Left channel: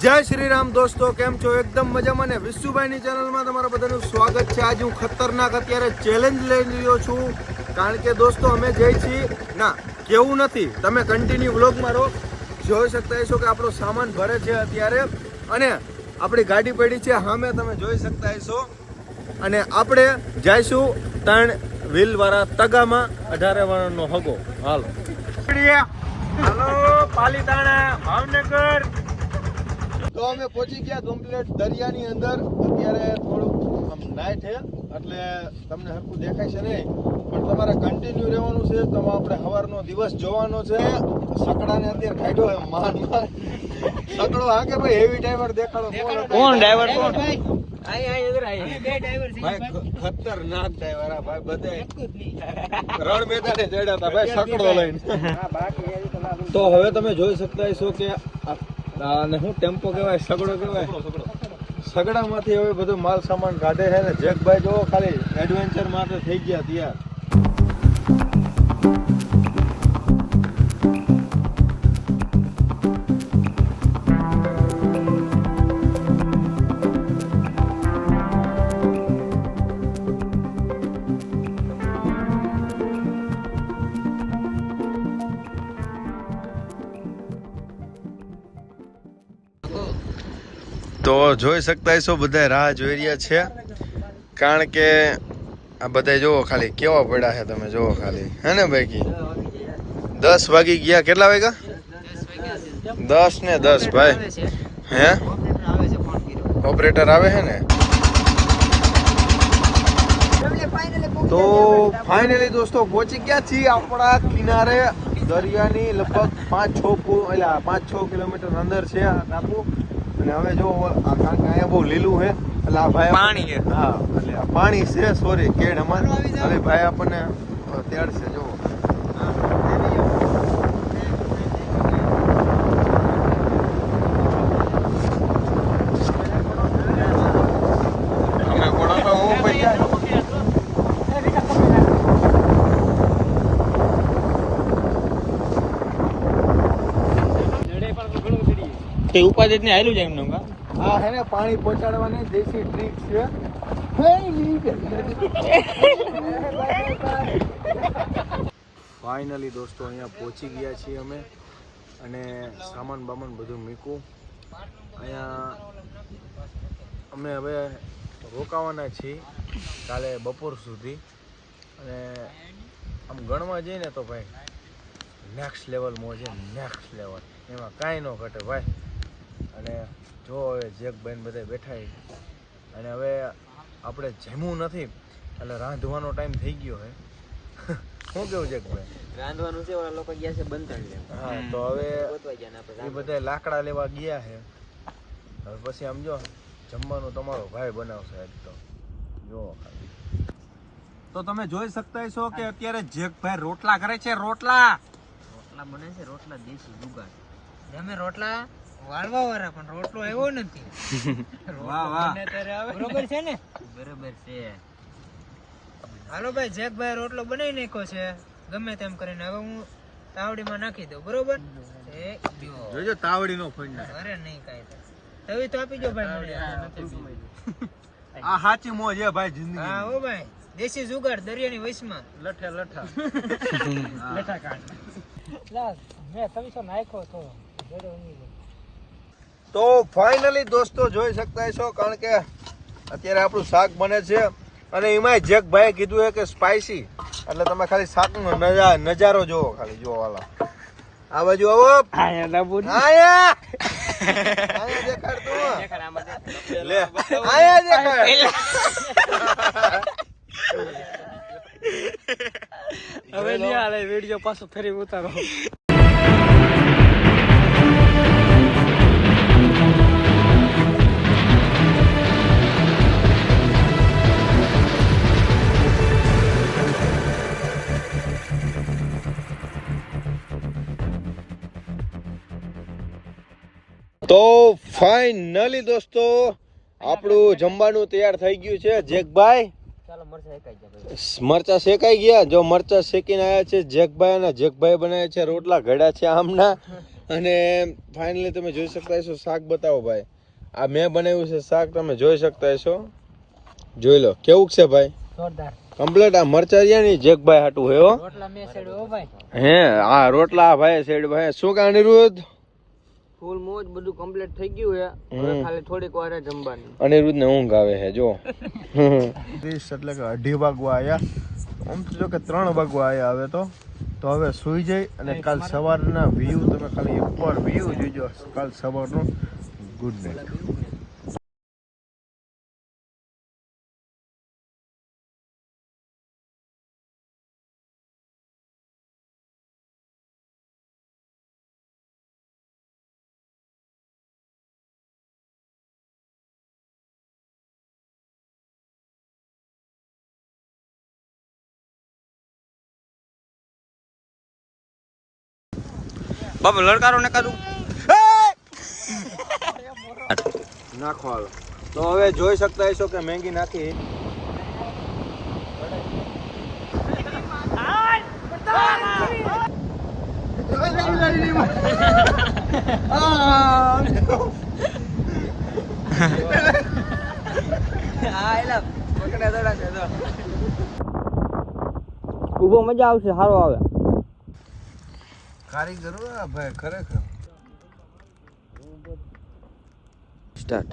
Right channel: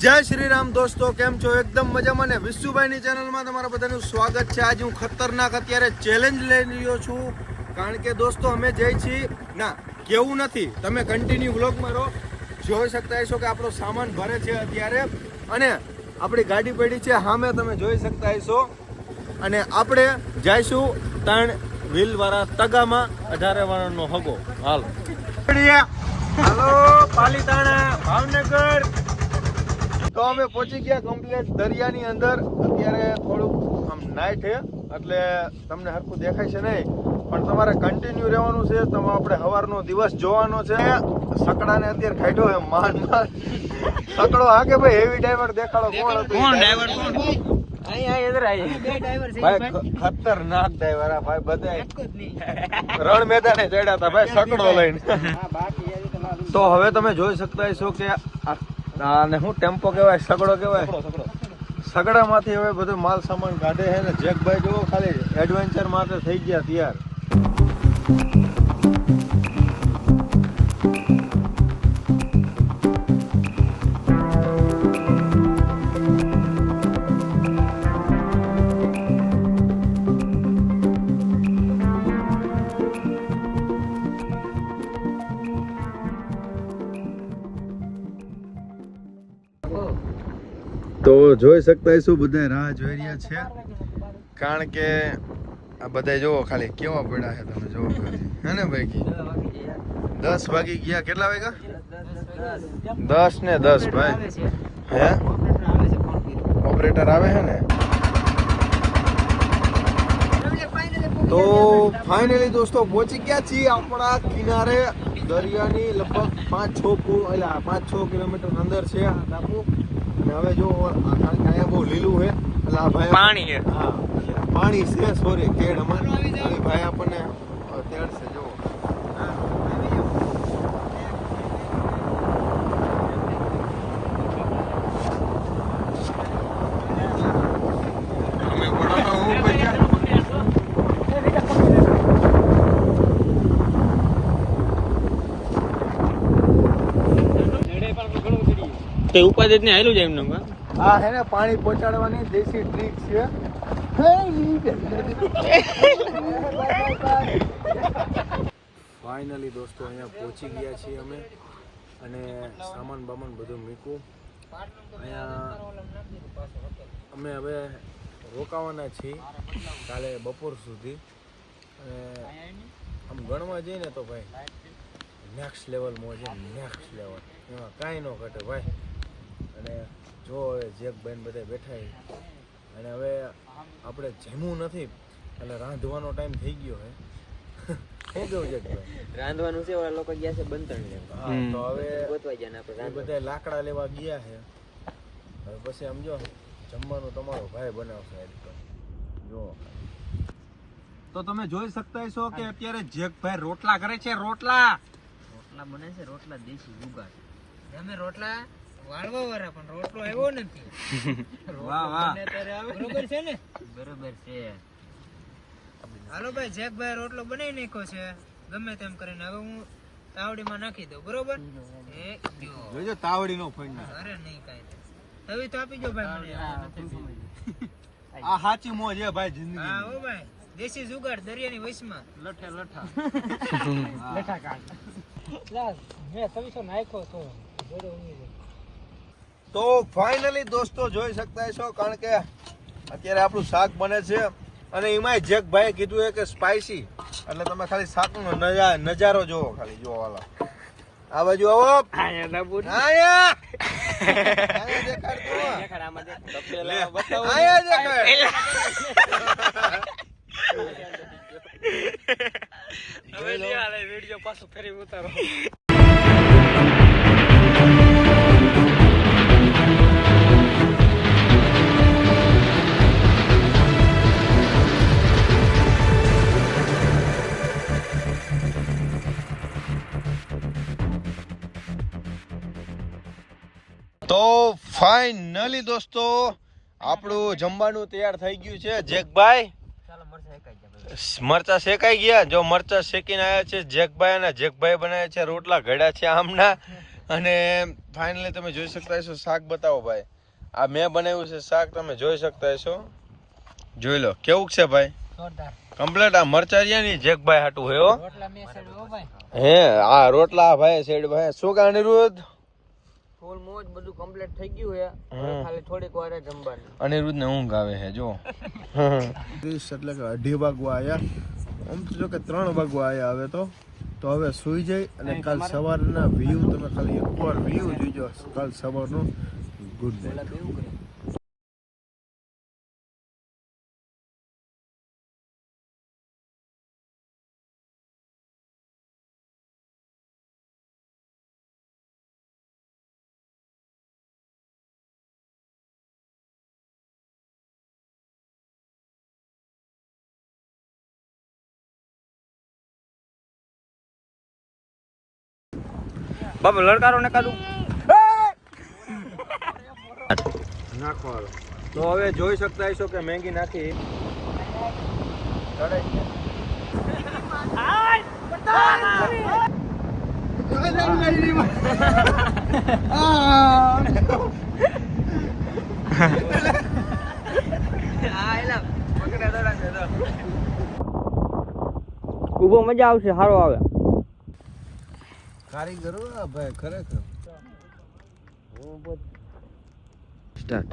જય શ્રી રામ દોસ્તો કેમ છો? એકદમ મજામાં ને વિશુભાઈની ચેનલમાં તમારા બધાનું સ્વાગત છે. આજે હું ખતરનાક અત્યારે ચેલેન્જ લઈ રહ્યો છું. કારણ કે દોસ્તો અમે જઈ છીએ. ના કેવું નથી. તમે કન્ટિન્યુ વ્લોગમાં રહો. જોઈ શકતા હશો કે આપણો સામાન ભરે છે અત્યારે. અને આપણી ગાડી પડી છે. સામે તમે જોઈ શકતા હશો. અને આપણે જઈશું ત્રણ વ્હીલ વાળા તગામાં. અઢારે વાળાનો હગો. હાલ. હાલો પાલીતાણા ભાવનગર. તો અમે પહોંચી ગયા કમ્પ્લેટ દરિયાની અંદર. અત્યારે થોડુંક આમ નાઇટ છે એટલે તમને હરખું દેખાય છે નહીં. પણ તમારે કન્ટિન્યુ રહેવાનું છે. તમે આપણે સવારનો દિવસ જોવાનો છે. સકડાને અત્યારે ખાઈડો છે માન માન સકડો હા કે ભાઈ હેવી ડ્રાઈવર દેખાડો. કોણ? કોણ? ડ્રાઈવર કોણ? ભાઈ ખતરનાક ડ્રાઈવર આ ભાઈ બધા રણ મેદાને ચડ્યા હતા ભાઈ સકડો લઈને. તો હવે તમે જોઈ શકતા હશો કે આને શું ટેમ્પો કહેવાય સગડો કહેવાય? સગડામાંથી હવે બધું માલ સામાન કાઢે છે ને જેકભાઈ જોવો ખાલી એડવેન્ચર માટે થઈ ગયા તૈયાર. તો જોઈ શકતા હશો બધા રાહ જોઈ રહ્યા છે. કારણ કે આ બધા જોવો ખાલી, કેવા પડ્યા છે તમે જોવો ખાલી. હે ને ભાઈ દસ વાગી ગયા, કેટલા વાગ્યા? દસ ને દસ, ભાઈ. હે? ઓપરેટર આવે છે ને? તો ફાઇનલી દોસ્તો પહોંચી ગયા છીએ આપણા કિનારે, દરિયાની લગભગ પાંચ છ એટલે પાંચ છ કિલોમીટર અંદર છે ટાપુ. અને હવે જો અહીંયા બહુ લીલું છે એટલે આ ભાઈ પાણી છે. હા એટલે પાણી છે સોરી કેડ અમાર હવે ભાઈ આપણને તેડશે જો તે ઉપાધિ ને હાલ્યું છે એમનું હા? હે ને પાણી પહોંચાડવાની દેશી ટ્રીક છે. ફાઇનલી દોસ્તો અહીંયા પહોંચી ગયા છીએ અમે અને સામાન બામાન બધું મૂક્યું. અહીંયા અમે હવે રોકાવાના છીએ કાલે બપોર સુધી. અને આમ ગણવા જઈએ ને તો ભાઈ નેક્સ્ટ લેવલ મોજે નેક્સ્ટ લેવલ એમાં કાંઈ ન ઘટે ભાઈ. અને જો હવે જેકભાઈ ને બધા બેઠા અને હવે આપણે જમવું નથી એટલે રાંધવાનો ટાઈમ થઈ ગયો હે શું કેવું જેકભાઈ રાંધવાનું છે ઓલા લોકો ગયા છે બનતા લેવા. તો હવે એ બધા લાકડા લેવા ગયા છે. હવે પછી આમ જો જમવાનું તમારો ભાઈ બનાવશે આજ તો. જો. તો તમે જોઈ શકતા છો કે અત્યારે જેકભાઈ રોટલા કરે છે રોટલા. રોટલા બને છે રોટલા દેશી જુગાડ જમે રોટલા વાળવા વાળા પણ રોટલો આવ્યો નથી. વાહ વાહ. બરોબર છે ને? બરોબર છે. હાલો ભાઈ જેકભાઈ રોટલો બનાવી નાખ્યો છે. ગમે તેમ કરીને. હવે હું તાવડીમાં નાખી દઉં બરોબર? એ જોજો તાવડી નો ફોન અરે નહીં કાંઈ તવી તો આપી જો ભાઈ આ સાચી મોજ છે ભાઈ હા ભાઈ. દેશી જુગાડ દરિયાની વચમાં લઠે લઠા. લઠા કાઢ મેં તમે નાખ્યો તો. જોડે તો ફાઇનલી દોસ્તો જોઈ શકતા છો કારણ કે અત્યારે આપણું શાક બને છે. અને એમાંય જગભાઈએ કીધું છે કે સ્પાઈસી એટલે તમે ખાલી શાકનો નજા- નજારો જોવો ખાલી જોવો વાલા. આ બાજુ આવો. દેખાડ. વીડિયો પાછો ફરી ઉતારો. તો ફાઇનલી દોસ્તો આપણું જમવાનું તૈયાર થઈ ગયું છે. જેકભાઈ મરચા શેકાઈ ગયા જો મરચા શેકીને આવ્યા છે જેકભાઈ અને જેકભાઈ બનાવ્યા છે રોટલા ઘડ્યા છે આમના. અને ફાઇનલી તમે જોઈ શકતા હશો શાક બતાવો ભાઈ. આ મેં બનાવ્યું છે શાક તમે જોઈ શકતા હશો. જોઈ લો કેવું છે ભાઈ? કમ્પ્લેટ આ મરચા રહ્યા ને જેકભાઈ હાટું હે આ રોટલા ભાઈ સાઈડ ભાઈ શું કાણી અનિરુદ્ધ ફૂલ મોજ બધું કમ્પ્લીટ થઈ ગયું છે. હવે ખાલી થોડીક વાર જમવાની. અનિરુદ્ધ ને ઊંઘ આવે છે જો. ત્રીસ એટલે કે અઢી વાગવા આયા. આમ તો જો કે ત્રણ વાગવા આયા હવે તો. તો હવે સુઈ જઈ અને કાલ સવારના વ્યૂ તમે ખાલી એકવાર વ્યૂ જોઈજો કાલ સવારનો ગુડ નાઇટ બાપા લડકારો ને કાઢું નાખો હાલો. તો હવે જોઈ શકતા હશો કે મેંગી નાખી. ઊભો મજા આવશે સારો આવે. કારીગરો આ ભાઈ ખરેખર. સ્ટાર્ટ